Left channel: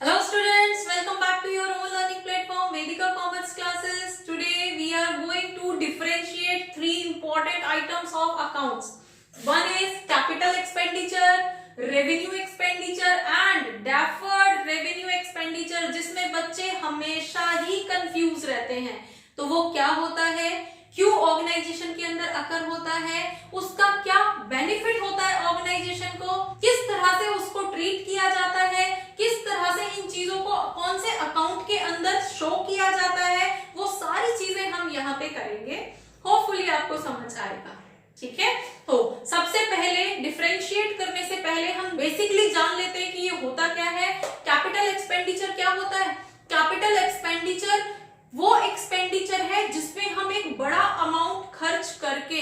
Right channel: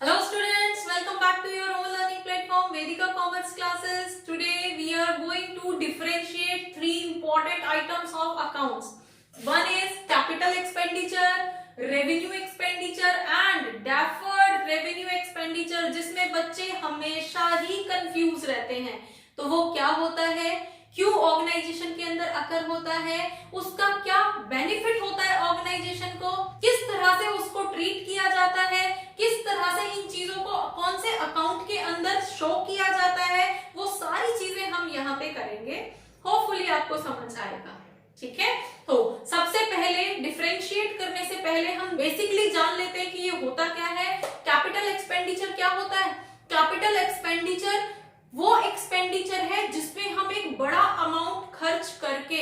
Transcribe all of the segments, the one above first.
Hello students, welcome back to your own learning platform Vedika Commerce classes. Today we are going to differentiate three important items of accounts. One is capital expenditure, revenue expenditure and deferred revenue expenditure, जिसमें बच्चे हमेशा ही confuse रहते हैं. तो वो क्या होता है, क्यों ऑर्गेनाइजेशन के अंदर अकर होता है, उसका क्या बेनिफिट होता है ऑर्गेनाइजेशन को, किस तरह से उसको ट्रीट किया जाता है, किस तरह से इन चीजों को कौन से अकाउंट के अंदर शो किया जाता है, वो सारी चीजें हम यहाँ पे करेंगे. होपफुली आपको समझ आएगा. ठीक है, तो सबसे पहले डिफरेंशिएट करने से पहले हम बेसिकली जान लेते हैं कि ये होता क्या है. कैपिटल एक्सपेंडिचर क्या होता है. कैपिटल एक्सपेंडिचर वो एक्सपेंडिचर है जिसमें हम एक बड़ा अमाउंट खर्च करके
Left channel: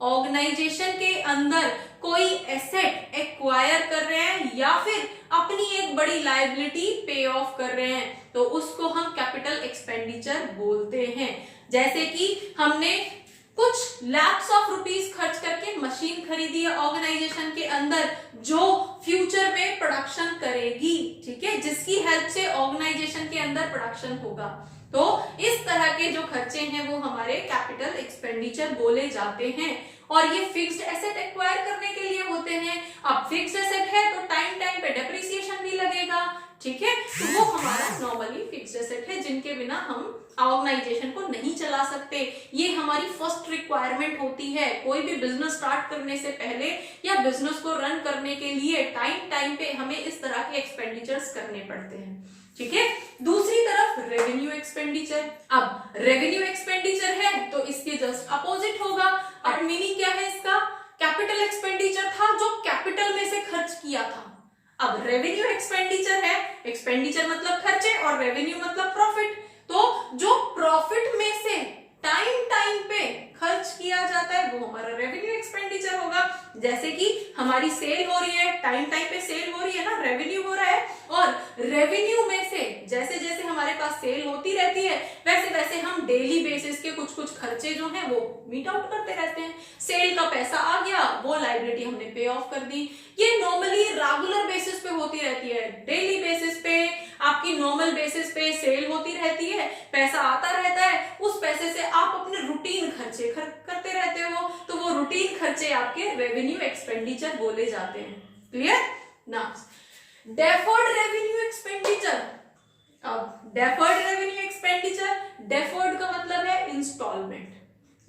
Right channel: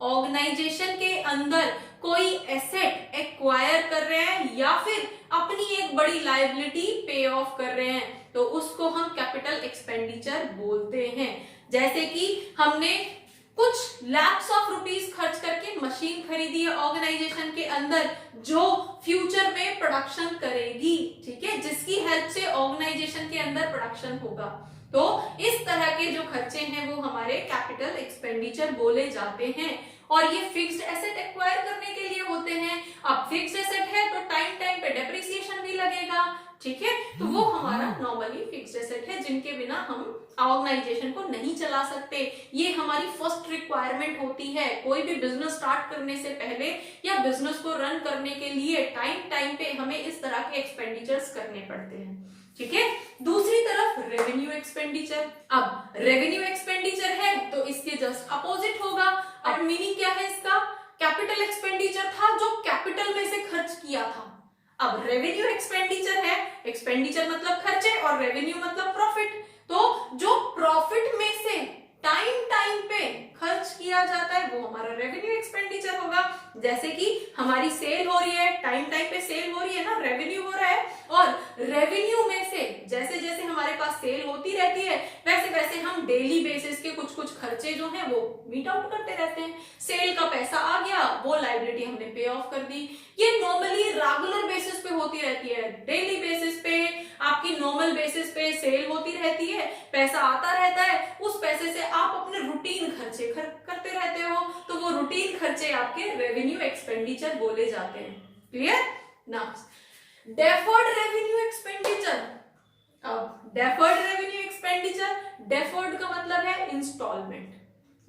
ऑर्गेनाइजेशन के अंदर कोई एसेट एक्वायर कर रहे हैं या फिर अपनी एक बड़ी लायबिलिटी पे ऑफ कर रहे हैं, तो उसको हम कैपिटल एक्सपेंडिचर बोलते हैं. जैसे कि हमने कुछ लैक्स ऑफ रुपीस खर्च करके मशीन खरीदी है ऑर्गेनाइजेशन के अंदर, जो फ्यूचर में प्रोडक्शन करेगी. ठीक है, जिसकी हेल्प से ऑर्गेनाइजेशन के अंदर प्रोडक्शन होगा. तो इस तरह के जो खर्चे हैं वो हमारे कैपिटल एक्सपेंडिचर बोले जाते हैं. और ये फिक्स्ड एसेट एक्वायर करने के लिए होते हैं. अब फिक्स्ड एसेट है तो टाइम टाइम पे डेप्रिसिएशन भी लगेगा. ठीक है, तो वो हमारा नॉर्मली फिक्स्ड एसेट है जिनके बिना हम ऑर्गेनाइजेशन को नहीं चला सकते. ये हमारी फर्स्ट रिक्वायरमेंट होती है कोई भी बिजनेस स्टार्ट करने से पहले या बिजनेस को रन करने के लिए. टाइम टाइम पे हमें इस तरह के एक्सपेंडिचर्स करने पड़ते हैं. ठीक है, दूसरी तरफ रेवेन्यू एक्सपेंडिचर. अब रेवेन्यू एक्सपेंडिचर है तो इसके जस्ट अपोजिट होगा. अब मीनिंग क्या है इसका, कैपिटल एक्सपेंडिचर था जो कैपिटल में से खर्च किया था. अब रेवेन्यू एक्सपेंडिचर है, एक्सपेंडिचर मतलब खर्चे और रेवेन्यू मतलब प्रॉफिट. तो जो प्रॉफिट में से टाइम टाइम पे खर्च किया जाता है वो हमारा रेवेन्यू एक्सपेंडिचर होगा. जैसे कि हमारी सेल हो रही है, टाइम टाइम पे सेल हो रही है ना, रेवेन्यू हो रहा है. और रेवेन्यू में से जैसे जैसे हमारे पास सेल होती रहती है वैसे वैसे हम डेली बेसिस के कुछ कुछ खर्चे जो हैं वो मीट आउट करते रहते हैं. सेल का पैसा आ गया, वो लायबिलिटी हमने पे ऑफ कर दी. ये नॉर्मली रेगुलर बेसिस पे होती रहती है. डेली बेसिस पे आपकी नॉर्मल बेसिस पे सेल होती रहती है, पैसा आता रहता है. उस पैसे से आप अपने रूटीन खर्चे करते रहते हो, तो वो रूटीन खर्चे आपके रेवेन्यू एक्सपेंडिचर बोले जाते हैं. क्लियर ना. Deferred revenue expenditure. अब डेफर्ड रेवेन्यू एक्सपेंडिचर, डेफर्ड का मतलब है इंस्टॉलमेंट.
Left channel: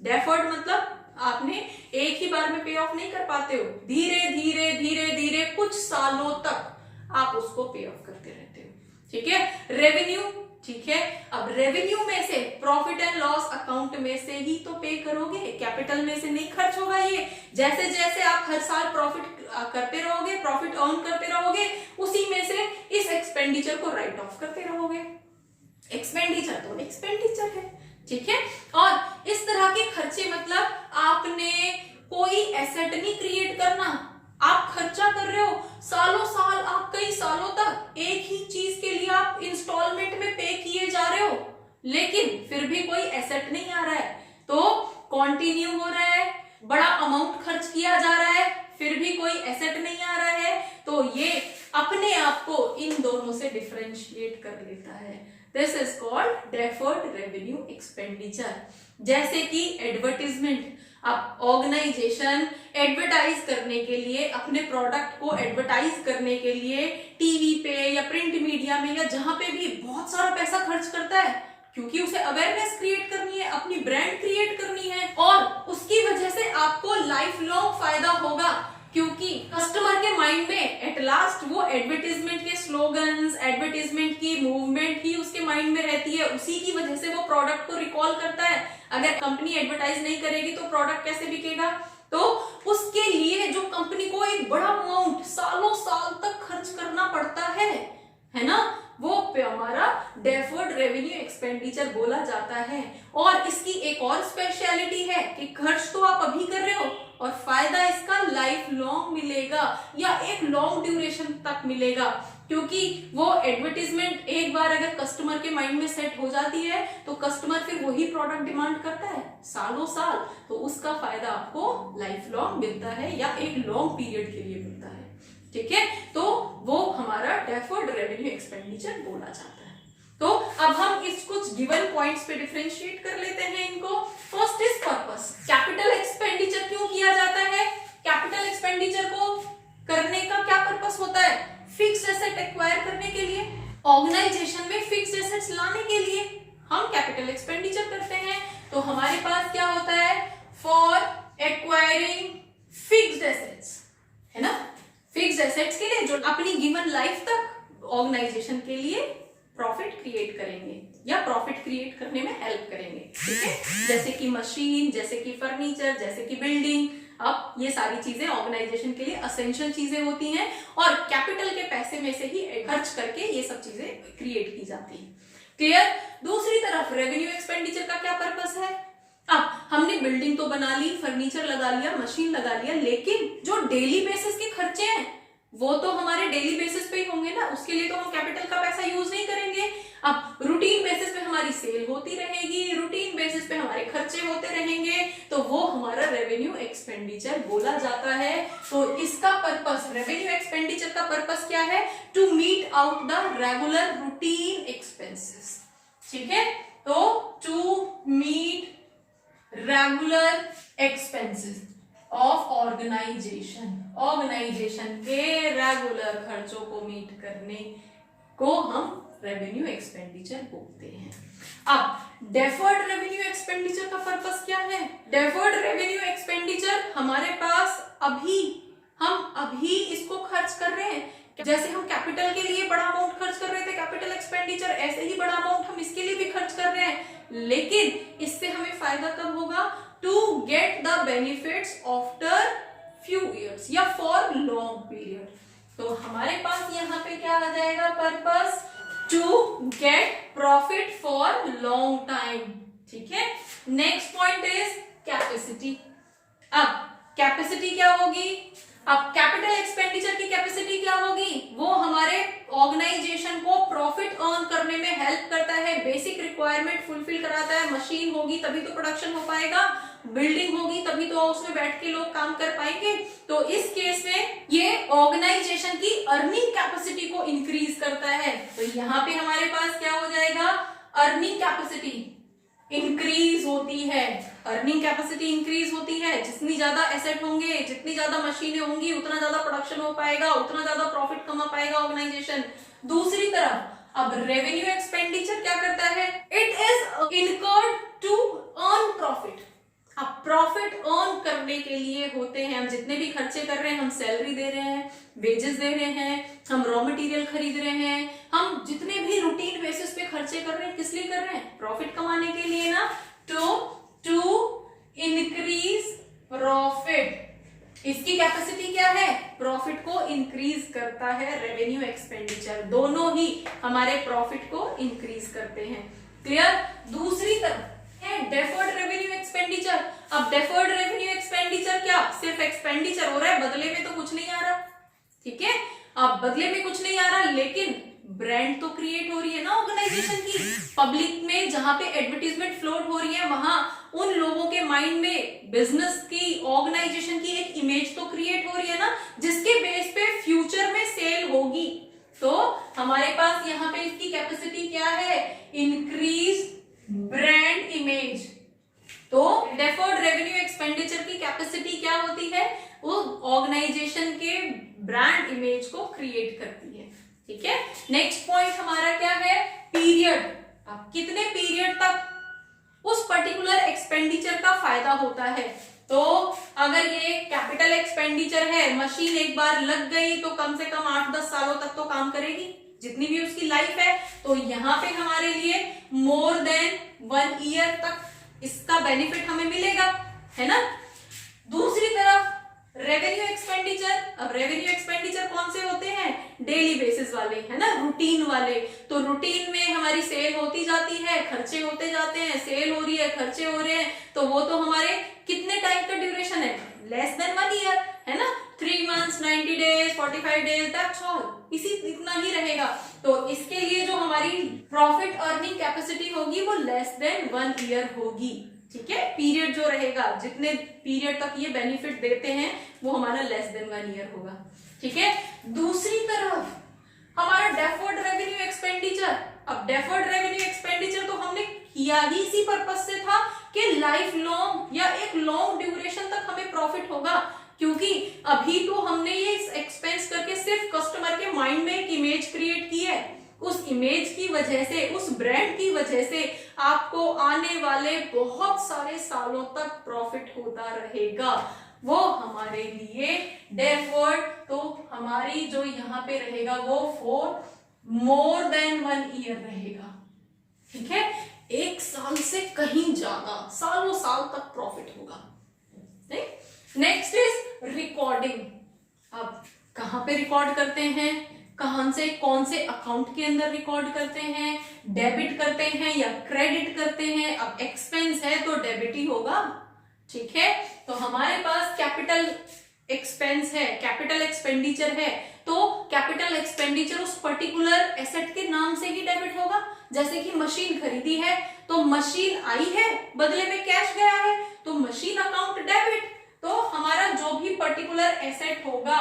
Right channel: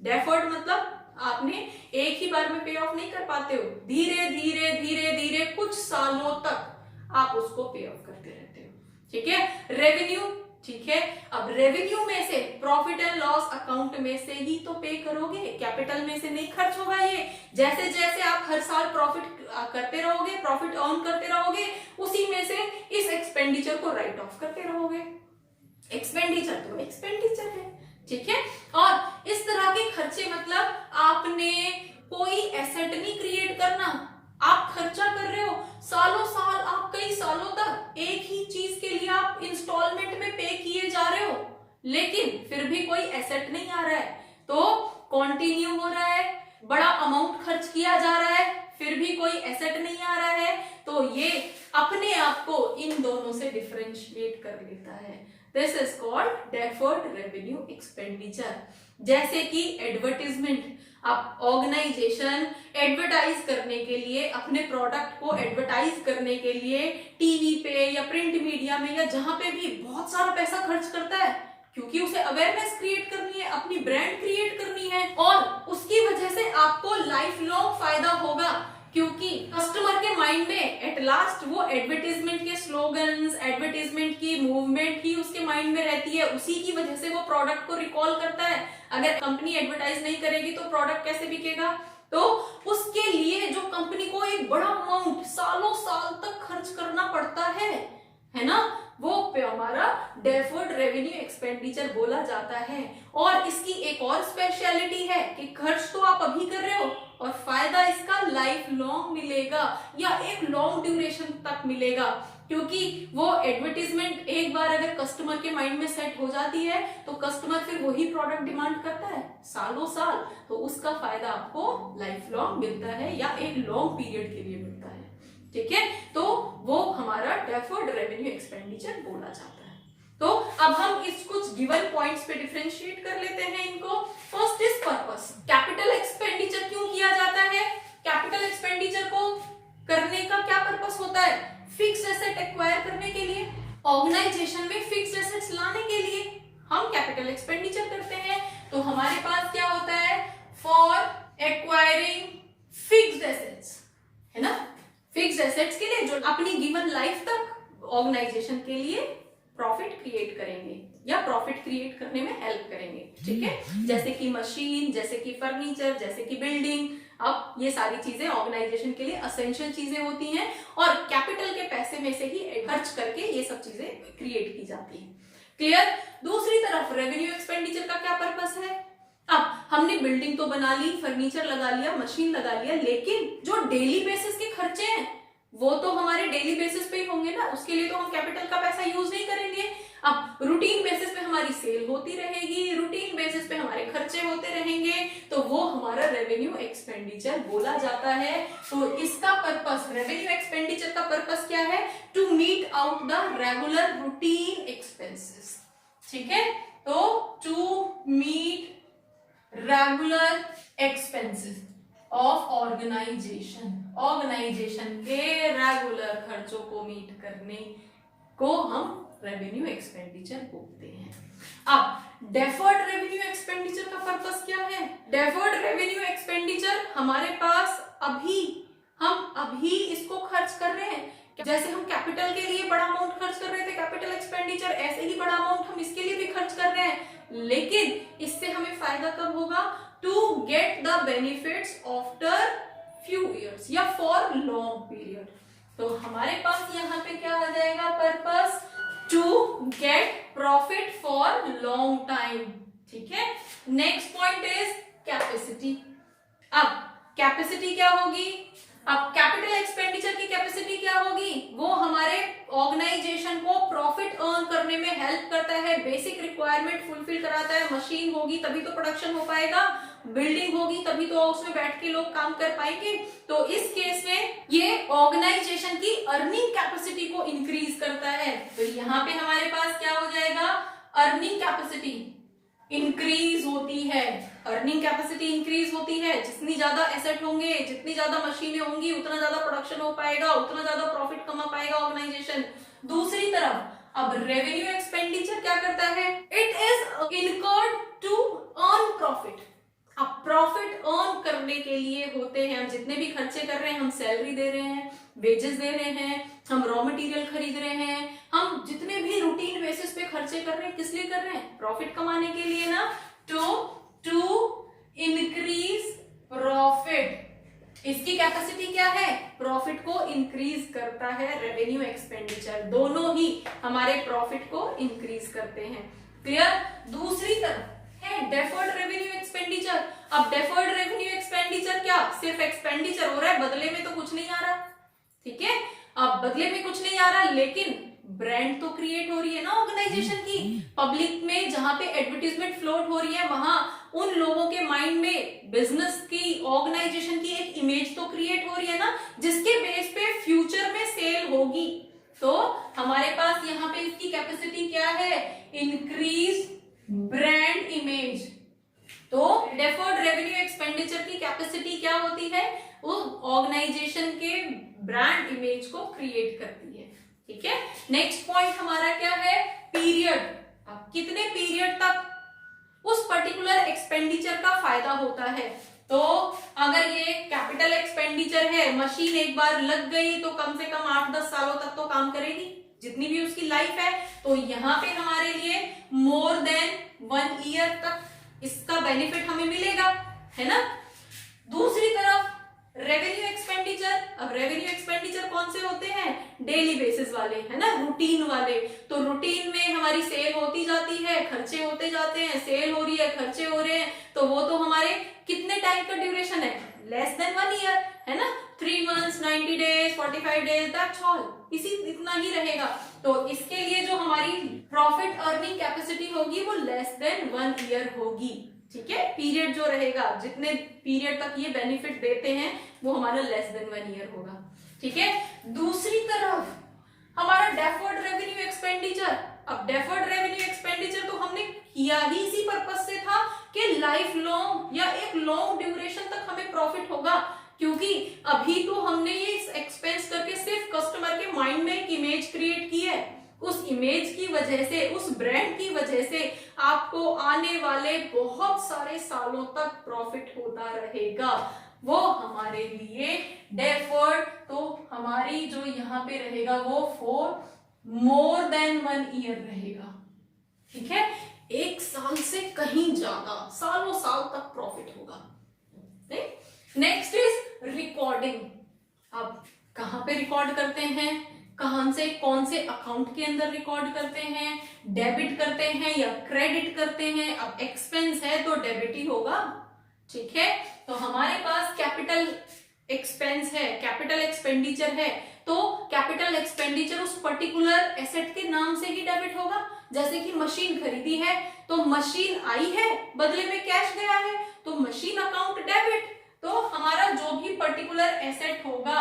डेफर्ड मतलब आपने एक ही बार में पे ऑफ नहीं कर पाते हो, धीरे धीरे धीरे धीरे कुछ सालों तक आप उसको पे ऑफ करते रहते हो. ठीक है, रेवेन्यू. ठीक है, अब रेवेन्यू में से प्रॉफिट एंड लॉस अकाउंट में से ही तो पे करोगे, कैपिटल में से नहीं खर्च होगा. ये जैसे जैसे आप हर साल प्रॉफिट करते रहोगे, प्रॉफिट अर्न करते रहोगे, उसी में से इस एक्सपेंडिचर को राइट ऑफ करते रहोगे. एक्सपेंडिचर तो एक्सपेंडिचर है. ठीक है, और इस तरह के खर्चे मतलब आपने कोई एसेट नहीं क्रिएट करना, आप खर्चा कर रहे हो सालों साल, आप कई सालों तक एक ही चीज के लिए आप इंस्टॉलमेंट में पे किए जा रहे हो, लेकिन फिर भी कोई एसेट नहीं आ रहा है. तो कंटिन्यू हो रहा है, बड़ा अमाउंट खर्च किया जा रहा है, फिर भी कोई एसेट नहीं आ रहा है. तो ये अपने आप को इन दोनों से डिफरेंशिएट कर लेता है. This is called deferred revenue expenditure. जैसे कि एडवर्टीजमेंट. अब ऑर्गेनाइजेशन एडवर्टाइज करने के लिए, अपने प्रोडक्ट को एडवर्टाइज करने के लिए टीवी पे या प्रिंट मीडिया में या जहां पे भी बहुत सारा पैसा खर्च करता है, क्योंकि उसे अवेयरनेस क्रिएट करनी है, अपनी ब्रांड क्रिएट करनी है. और उसकी वजह से आपको लाइफ लॉन्ग फायदा होगा, क्योंकि कस्टमर के माइंड में एट लास्ट वो एडवर्टीजमेंट के स्लोगन्स, एडवर्टीजमेंट की मूवमेंट ही उसके माइंड में रहती है. उसी की वजह से वो प्रोडक्ट को रिकॉल करता है. अगर कंपनी एडवर्टाइज नहीं करेगी तो प्रोडक्ट कैसे बिकेगा. तो उसके लिए जो कंपनी को एक बड़ा अमाउंट सालों साल तक खर्च करना पड़ता है ना, वो हमारा डेफर्ड रेवेन्यू एक्सपेंडिचर बोला जाता है. और इसकी एक और स्पेशलिटी है कि खर्च तो आप अभी कर रहे हो और फायदा इसका लाइफ लॉन्ग मिलेगा या एक लॉन्ग ड्यूरेशन तक मिलेगा. क्योंकि वो एडवर्टीजमेंट एक बार अगर कस्टमर के माइंड में सेट हो जाती है तो कस्टमर फिर वही प्रोडक्ट डिमांड करता है सालों साल. तो उसका फायदा आपको लाइफ लॉन्ग मिलता है या एक लॉन्ग पीरियड के लिए मिलता है. ठीक है, तो वो हमारा हमारा डेफर्ड रेवेन्यू एक्सपेंडिचर बोला जाता है। तो अब हम इस कुछ गिवन पॉइंट्स पे डिफरेंशिएट कर लेते हैं इनको। First is purpose. Capital expenditure क्यों किया जाता है? कैपिटल एक्सपेंडिचर को करने का क्या पर्पस होता है? फिक्स्ड एसेट एक्वायर करने के लिए, ऑर्गेनाइजेशन में फिक्स्ड एसेट्स लाने के लिए हम कैपिटल एक्सपेंडिचर करते हैं। तो हमारे पास क्या होता है? फॉर एक्वायरिंग फिक्स्ड एसेट्स, है ना, फिक्स्ड एसेट्स के लिए जो अपनी गिवन लाइफ तक ऑर्गेनाइजेशन के लिए प्रॉफिट क्रिएट करेंगे या प्रॉफिट क्रिएट करने में हेल्प करेंगे, ठीक है। जैसे कि मशीन, जैसे कि फर्नीचर, जैसे कि बिल्डिंग। अब ये सारी चीजें ऑर्गेनाइजेशन के लिए असेंशियल चीजें होती हैं और कैपिटल के पैसे में से ही खर्च करके ये सब चीजें क्रिएट की जाती हैं। क्लियर? दूसरी तरफ रेवेन्यू एक्सपेंडिचर का क्या पर्पस है? अब हमने बिल्डिंग तो बना ली, फर्नीचर लगा लिया, मशीन लगा लिया, लेकिन जो डेली बेसिस के खर्चे हैं वो तो हमारे डेली बेसिस पे ही होंगे ना, उसके लिए तो हम कैपिटल का पैसा यूज नहीं करेंगे। अब रूटीन बेसिस पे हमारी सेल होती रहेगी, रूटीन बेसिस पे हमारे खर्चे होते रहेंगे, तो वो हमारा रेवेन्यू एक्सपेंडिचर बोला जाता है। तो इसका पर्पस, रेवेन्यू एक्सपेंडिचर का पर्पस क्या है? To meet out the regular routine expenses, ठीक है। तो to meet regular expenses of organisation, organisation के रेगुलर खर्चों को मीट करने को हम रेवेन्यू एक्सपेंडिचर बोलते हैं। अब डेफर्ड रेवेन्यू एक्सपेंडिचर का पर्पस क्या है? डेफर्ड रेवेन्यू एक्सपेंडिचर हमारे पास हम अभी इसको खर्च कर रहे हैं। जैसे हम कैपिटल के लिए बड़ा अमाउंट खर्च कर रहे थे, कैपिटल एक्सपेंडिचर, ऐसे ही बड़ा अमाउंट हम इसके लिए भी खर्च कर रहे हैं, लेकिन इससे हमें फायदा कब होगा? To get the benefits after few years या फॉर लॉन्ग पीरियड। तो हमारे पास यहाँ पे क्या आ जाएगा? Purpose to get profit for long time, ठीक है। Next point is capacity. अब कैपेसिटी क्या होगी? अब कैपिटल एक्सपेंडिचर की कैपेसिटी क्या होगी? वो हमारे ऑर्गेनाइजेशन को प्रॉफिट अर्न करने में हेल्प करता है, बेसिक रिक्वायरमेंट फुलफिल कराता है। मशीन होगी तभी तो प्रोडक्शन हो पाएगा, बिल्डिंग होगी तभी तो उसमें बैठ के लोग काम कर पाएंगे। तो इस केस में ये ऑर्गेनाइजेशन की अर्निंग कैपेसिटी को इंक्रीज करता है। तो यहाँ पे हमारे पास क्या हो जाएगा? अर्निंग कैपेसिटी इंक्रीज होती है, अर्निंग कैपेसिटी इंक्रीज होती है। जितनी ज्यादा एसेट होंगे, जितनी ज्यादा मशीनें होंगी, उतना ज्यादा प्रोडक्शन हो पाएगा, उतना ज्यादा प्रॉफिट कमा पाएगा ऑर्गेनाइजेशन। दूसरी तरफ अब रेवेन्यू एक्सपेंडिचर क्या करता है? It is incurred to earn profit. अब प्रॉफिट अर्न करने के लिए होते हैं, हम जितने भी खर्चे कर रहे हैं, हम सैलरी दे रहे हैं, वेजेस दे रहे हैं, हम रॉ मटेरियल खरीद रहे हैं, हम जितने भी रूटीन बेसिस पे खर्चे कर रहे हैं, किस लिए कर रहे हैं? प्रॉफिट कमाने के लिए ना। To increase profit. इसकी कैपेसिटी क्या है? प्रॉफिट को इंक्रीज करता है रेवेन्यू एक्सपेंडिचर, दोनों ही हमारे प्रॉफिट को इंक्रीज करते हैं। क्लियर? दूसरी तरफ है डेफर्ड रेवेन्यू एक्सपेंडिचर। अब डेफर्ड रेवेन्यू एक्सपेंडिचर क्या? सिर्फ एक्सपेंडिचर हो रहा है, बदले में तो कुछ नहीं आ रहा, ठीक है। अब बदले में कुछ नहीं आ रहा, लेकिन ब्रांड तो क्रिएट हो रही है ना ऑर्गेनाइजेशन की। पब्लिक में जहां पे एडवर्टीजमेंट फ्लोट हो रही है, वहां उन लोगों के माइंड में बिजनेस की, ऑर्गेनाइजेशन की एक इमेज तो क्रिएट हो रही है ना, जिसके बेस पे फ्यूचर में सेल होगी। तो हमारे पास यहाँ पे इसकी कैपेसिटी क्या है? Increase brand image. तो डेफर्ड रेवेन्यू एक्सपेंडिचर की कैपेसिटी क्या होती है? वो ऑर्गेनाइजेशन के ब्रांड इमेज को क्रिएट करती है, ठीक है। नेक्स्ट पॉइंट हमारा क्या है? पीरियड। अब कितने पीरियड तक उस पर्टिकुलर एक्सपेंडिचर का फायदा होता है? तो अगर ये कैपिटल एक्सपेंडिचर है, मशीन एक बार लग गई तो कम से कम 8-10 सालों तक तो काम करेगी, जितनी भी उसकी लाइफ है। तो यहाँ पे हमारे लिए मोर देन 1 ईयर तक इसका बेनिफिट हमें मिलेगा, है ना। दूसरी तरफ रेवेन्यू एक्सपेंडिचर। अब रेवेन्यू एक्सपेंडिचर कौन से होते हैं? डेली बेसिस वाले, है ना, रूटीन वाले। तो रूटीन में हमारी सेल होती जाती है, खर्चे होते जाते हैं, सेल हो रही है, खर्चे हो रहे हैं, तो वो तो हमारे कितने टाइम का ड्यूरेशन है? लेस देन 1 ईयर, है ना। 3 months, 90 days, 45 days, that's all, इतना ही रहेगा। तो इसके लिए जो हमारी प्रॉफिट अर्निंग कैपेसिटी होगी वो लेस देन 1 ईयर होगी, ठीक है। पीरियड जो रहेगा, जितने पीरियड तक ये बेनिफिट देते हैं, वो हमारा लेस देन 1 ईयर होगा, ठीक है। दूसरी तरफ हमारा डेफर्ड रेवेन्यू एक्सपेंडिचर। अब डेफर्ड रेवेन्यू एक्सपेंडिचर तो हमने किया ही इसी पर्पज से था कि लाइफ लॉन्ग या एक लॉन्ग ड्यूरेशन तक हमें प्रॉफिट होगा, क्योंकि अभी तो हमने ये एक्सपेंस करके सिर्फ कस्टमर के माइंड में एक इमेज क्रिएट की है। उस इमेज की वजह से, उस ब्रांड की वजह से आपको आने वाले बहुत सारे सालों तक प्रॉफिट होता रहेगा। वो हमारे लिए डेफर्ड, तो हमारी जो यहाँ पे रहेगा वो फॉर मोर देन 1 ईयर रहेगा। ठीक है, 1 साल से कहीं ज्यादा सालों साल तक प्रॉफिट होगा। Next is recording. अब कहां पे रिकॉर्ड करते हैं, कहां से, कौन से अकाउंट के अंदर रिकॉर्ड करते हैं, डेबिट करते हैं या क्रेडिट करते हैं। अब एक्सपेंस है तो डेबिट ही होगा। ठीक है, तो हमारे पास कैपिटल एक्सपेंस है, कैपिटल एक्सपेंडिचर है, तो कैपिटल एक्सपेंडिचर उस पर्टिकुलर एसेट के नाम से ही डेबिट होगा। जैसे कि मशीन खरीदी है तो मशीन आई है, बदले में कैश गया है, तो मशीन अकाउंट डेबिट। तो हमारा जो भी पर्टिकुलर एसेट होगा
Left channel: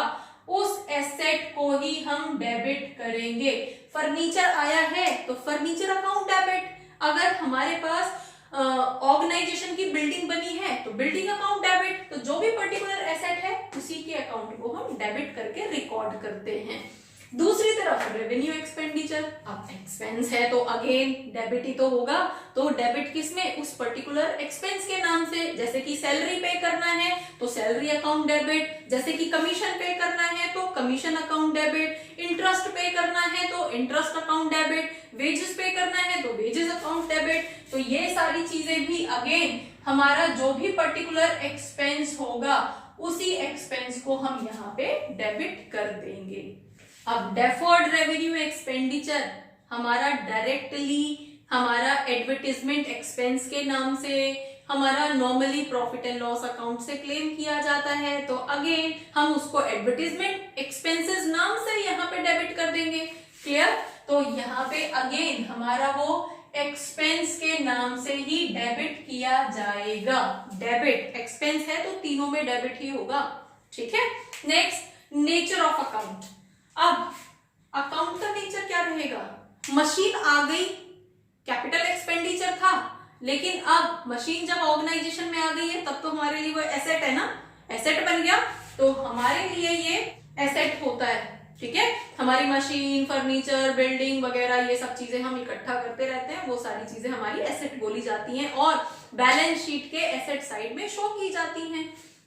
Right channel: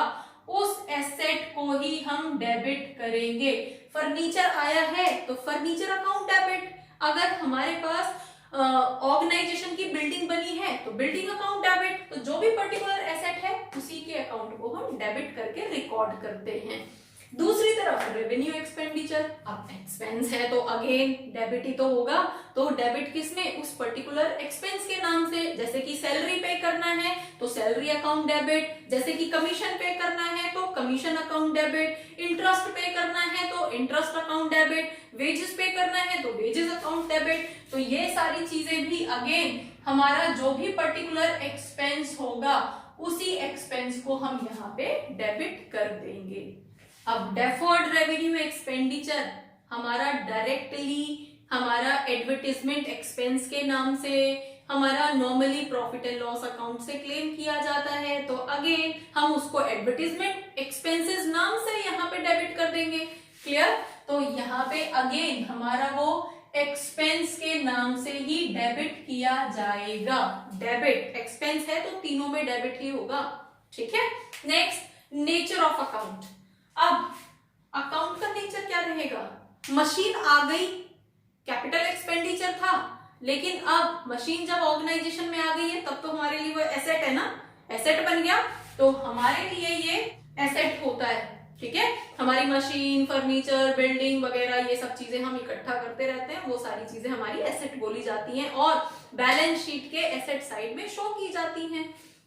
उस एसेट को ही हम डेबिट करेंगे। फर्नीचर आया है तो फर्नीचर अकाउंट डेबिट। अगर हमारे पास ऑर्गेनाइजेशन की बिल्डिंग बनी है तो बिल्डिंग अकाउंट डेबिट। तो जो भी पर्टिकुलर एसेट है उसी के अकाउंट को हम डेबिट करके रिकॉर्ड करते हैं। दूसरी तरफ रेवेन्यू एक्सपेंडिचर। अब एक्सपेंस है तो अगेन डेबिट ही तो होगा, तो डेबिट किसमें, उस पर्टिकुलर एक्सपेंस के नाम से। जैसे कि सैलरी पे करना है तो सैलरी अकाउंट डेबिट, जैसे कि कमीशन पे करना है तो कमीशन अकाउंट डेबिट, इंटरेस्ट पे करना है तो इंटरेस्ट अकाउंट डेबिट, वेजेस पे करना है तो वेजेस अकाउंट डेबिट। तो ये सारी चीजें भी अगेन हमारा जो भी पर्टिकुलर एक्सपेंस होगा उसी एक्सपेंस को हम यहाँ पे डेबिट कर देंगे। अब डेफर्ड रेवेन्यू एक्सपेंडिचर हमारा डायरेक्टली हमारा एडवर्टाइजमेंट एक्सपेंस के नाम से, हमारा normally profit and loss account से क्लेम किया जाता है, तो अगेन हम उसको एडवर्टाइजमेंट एक्सपेंसेस नाम से यहाँ पे डेबिट कर देंगे। क्लियर, तो यहाँ पे अगेन हमारा वो एक्सपेंस के नाम से ही डेबिट किया जाएगा। डेबिट एक्सपेंस है तो तीनों में डेबिट ही होगा। ठीक है, नेक्स्ट नेचर ऑफ अकाउंट। अब अकाउंट का नेचर क्या रहेगा, मशीन आ गई, कैपिटल एक्सपेंडिचर था, लेकिन अब मशीन जब ऑर्गेनाइजेशन में आ गई है तब तो हमारे लिए वो एसेट है ना, एसेट बन गया, तो हमारे लिए ये एसेट होता है। ठीक है, हमारी मशीन, फर्नीचर, बिल्डिंग वगैरह ये सब चीजें हम इकट्ठा करते रहते हैं, वो सारी चीजें हमारी एसेट बोली जाती हैं और बैलेंस शीट के एसेट साइड में शो की जाती हैं।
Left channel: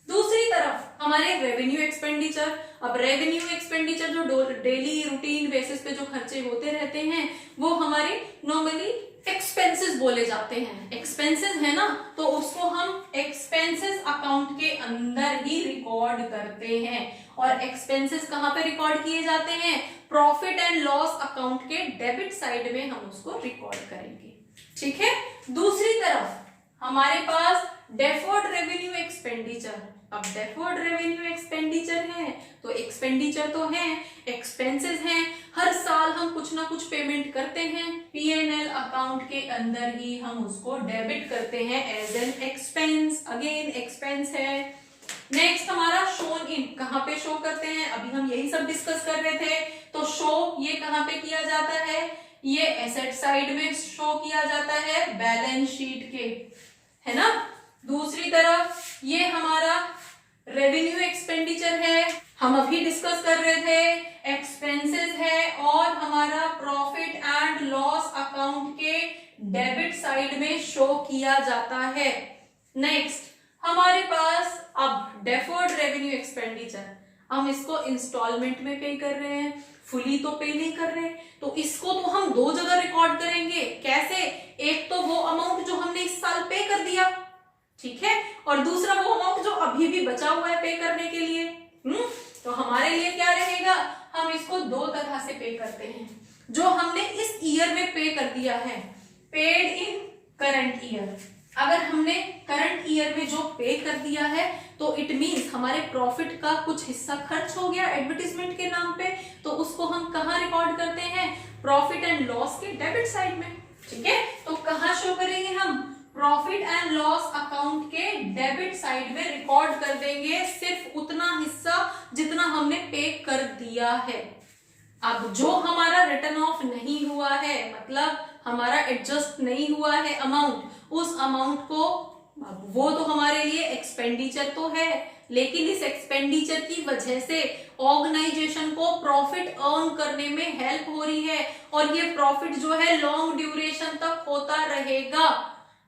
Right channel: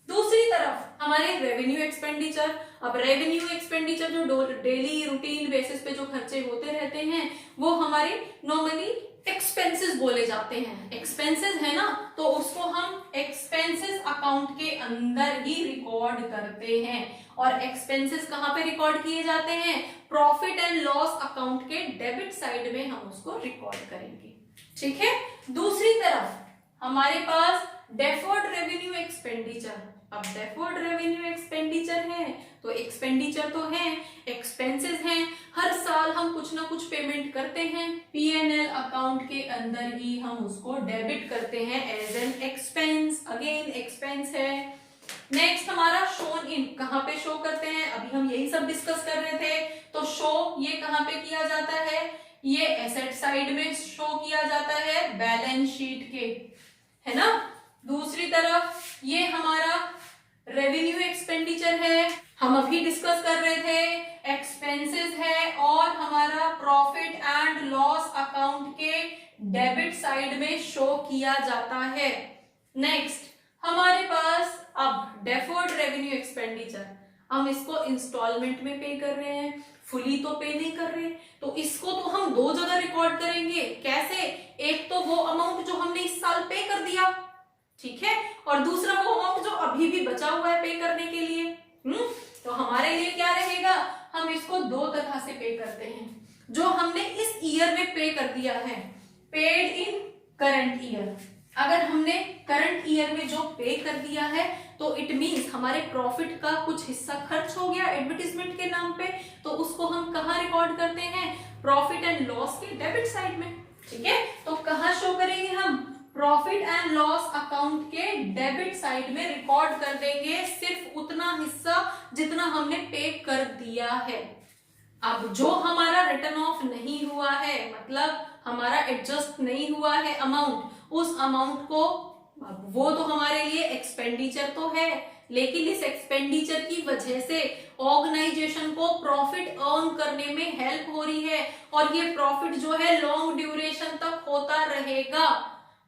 दूसरी तरफ हमारे रेवेन्यू एक्सपेंडिचर। अब रेवेन्यू एक्सपेंडिचर जो डेली रूटीन बेसिस पे जो खर्चे होते रहते हैं वो हमारे नॉर्मली एक्सपेंसेस बोले जाते हैं। एक्सपेंसेस है ना, तो उसको हम एक्सपेंसेस अकाउंट के अंदर ही रिकॉर्ड करते हैं। और एक्सपेंसेस कहां पे रिकॉर्ड किए जाते हैं, प्रॉफिट एंड लॉस अकाउंट के डेबिट साइड में हम उसको रिकॉर्ड करेंगे। ठीक है, दूसरी तरफ हमारे पास डेफर्ड रेवेन्यू एक्सपेंडिचर। अब डेफर्ड रेवेन्यू एक्सपेंडिचर है तो एक्सपेंडिचर तो है, एक्सपेंसेस हैं, हर साल हम कुछ ना कुछ पेमेंट करते हैं, P&L अकाउंट के अंदर ही हम उसको डेबिट करते हैं as an expense. Again expense है। नेक्स्ट हमारा शोन इन, कहां पे शो करते हैं, अभी हम यही सब डिस्कस कर रहे थे। तो शो ये कहां पे किया जाता है, ये एसेट साइड में शो किया जाता है बैलेंस शीट के, है ना। दूसरी तरफ ये हमारा रेवेन्यू एक्सपेंडिचर है, हम अभी डिस्कस कर रहे थे, एक्सपेंसेस है और हमारा प्रॉफिट एंड लॉस अकाउंट के डेबिट साइड में शो किया जाता है। नेक्स्ट हमारे पास अब डेफर्ड रेवेन्यू एक्सपेंडिचर, हम इसको इंस्टॉलमेंट में पे कर रहे हैं, फुली तो पे नहीं कर रहे, तो इसको तो हम दो जगह रिकॉर्ड करेंगे। कैसे, एक तो वो अमाउंट जो हमने इस साल पे कर दिया, ठीक है, और दूसरा वो अमाउंट जो अभी भी बचा हुआ है पे करने के लिए। तो हमारे लिए क्या रहेगा, हम इसको दो तरह से पे करते हैं। जो हमने इस ईयर में पे कर दिया है, पेड इन करंट ईयर। अगर हमने करंट ईयर में जो पे कर दिया है तो इट मींस हमारे प्रॉफिट का कुछ हिस्सा खर्च हो गया एडवर्टाइजमेंट के नाम पे, तो उसको हम कहाँ रिकॉर्ड करते हैं, प्रॉफिट एंड लॉस के डेबिट साइड में। ठीक है, तो कहाँ शो करेंगे हम, प्रॉफिट एंड लॉस अकाउंट के डेबिट साइड में रिकॉर्ड कर देंगे सिर्फ उतना हिस्सा जितना हमने पे कर दिया है। अब जो हमारा रिटर्न ऑफ नहीं हुआ है, मतलब हमारा एडजस्ट नहीं हुआ है अमाउंट, उस अमाउंट को, वो तो हमारे लिए एक्सपेंडिचर तो है, लेकिन इस एक्सपेंडिचर की वजह से ऑर्गेनाइजेशन को प्रॉफिट अर्न करने में हेल्प हो रही है, और ये प्रॉफिट जो है लॉन्ग ड्यूरेशन तक होता रहेगा,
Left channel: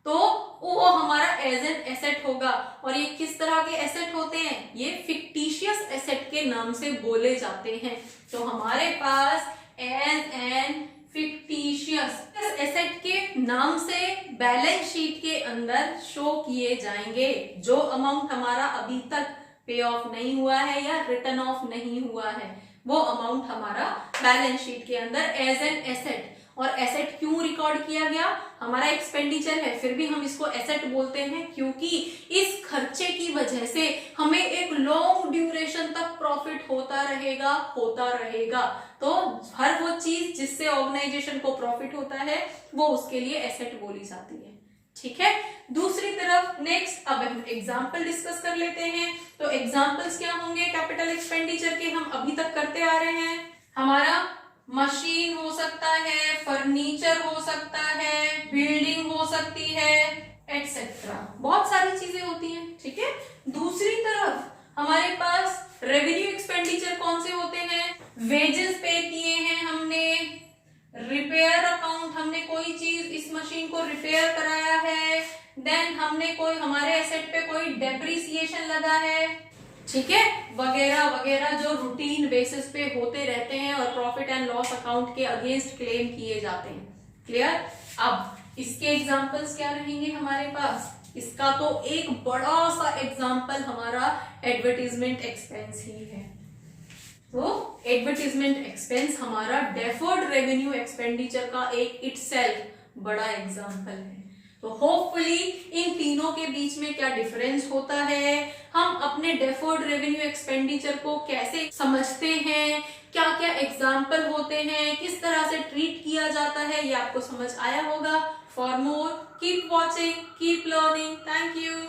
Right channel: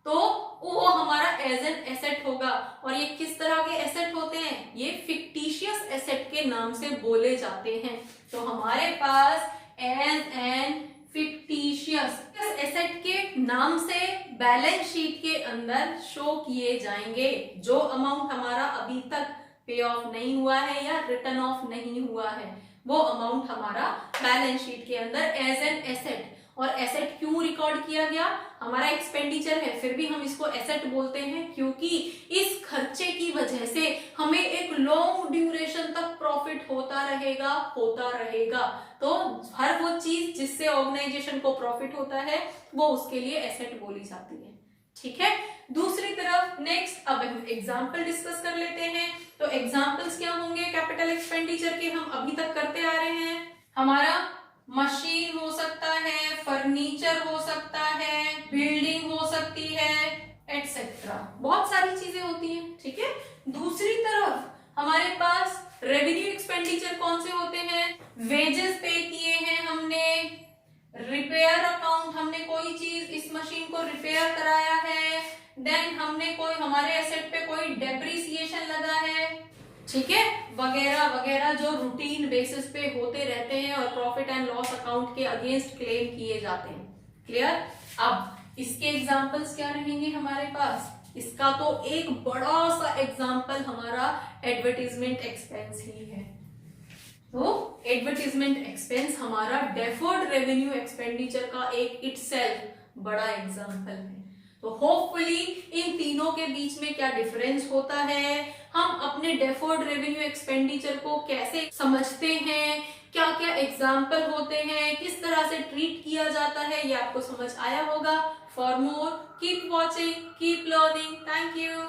तो वो हमारा एज एन एसेट होगा। और ये किस तरह के एसेट होते हैं? ये फिक्टिशियस एसेट के नाम से बोले जाते हैं। तो हमारे पास एज एन फिक्टिशियस एसेट के नाम से बैलेंस शीट के अंदर शो किए जाएंगे जो अमाउंट हमारा अभी तक पे ऑफ नहीं हुआ है या रिटर्न ऑफ नहीं हुआ है, वो अमाउंट हमारा बैलेंस शीट के अंदर एज एन एसेट। और एसेट क्यों रिकॉर्ड किया गया? हमारा एक्सपेंडिचर है, फिर भी हम इसको एसेट बोलते हैं क्योंकि इस खर्चे की वजह से हमें एक लॉन्ग ड्यूरेशन तक प्रॉफिट होता रहेगा। तो हर वो चीज जिससे ऑर्गेनाइजेशन को प्रॉफिट होता है वो उसके लिए एसेट बोली जाती है। ठीक है, दूसरी तरफ नेक्स्ट अब हम एग्जाम्पल डिस्कस कर लेते हैं। तो एग्जाम्पल्स क्या होंगे कैपिटल एक्सपेंडिचर के? हम अभी तक करते आ रहे हैं। हमारा मशीन हो सकता है, फर्नीचर हो सकता है, बिल्डिंग हो सकती है, एटसेट्रा, बहुत सारी चीजें होती हैं। ठीक है, दूसरी तरफ हमारे पास रेवेन्यू एक्सपेंडिचर कौन से होते हैं? वेजेस पे किए हैं हमने, रिपेयर अकाउंट, हमने कोई चीज इस मशीन को रिपेयर कराया है, देन हमने कोई हमारे एसेट पे कोई डेप्रिसिएशन लगा है, ठीक है, वगैरह वगैरह जो रूटीन बेसिस पे होते रहते हैं और प्रॉफिट एंड लॉस अकाउंट के अगेंस्ट क्लेम किए जाते हैं। क्लियर? अब इसके एग्जांपल्स क्या रहेंगे हमारे पास? इसका तो एक बड़ा सा एग्जांपल हमारा एडवर्टीजमेंट एक्सपेंस ही है। तो एडवर्टीजमेंट एक्सपेंस हमारा डेफर्ड रेवेन्यू एक्सपेंडिचर का एक इटसेल्फ बड़ा एग्जांपल है। तो होपफुली इन तीनों के बीच में क्या डिफरेंस होता है, हम अपने डेफर्ड रेवेन्यू एक्सपेंडिचर को कैसे समझते हैं, क्या क्या एग्जाम्पल होते हैं, किस तरह से ट्रीट किया जाता है, ये आपको समझ आया होगा। For more keep watching, keep learning. Thank you.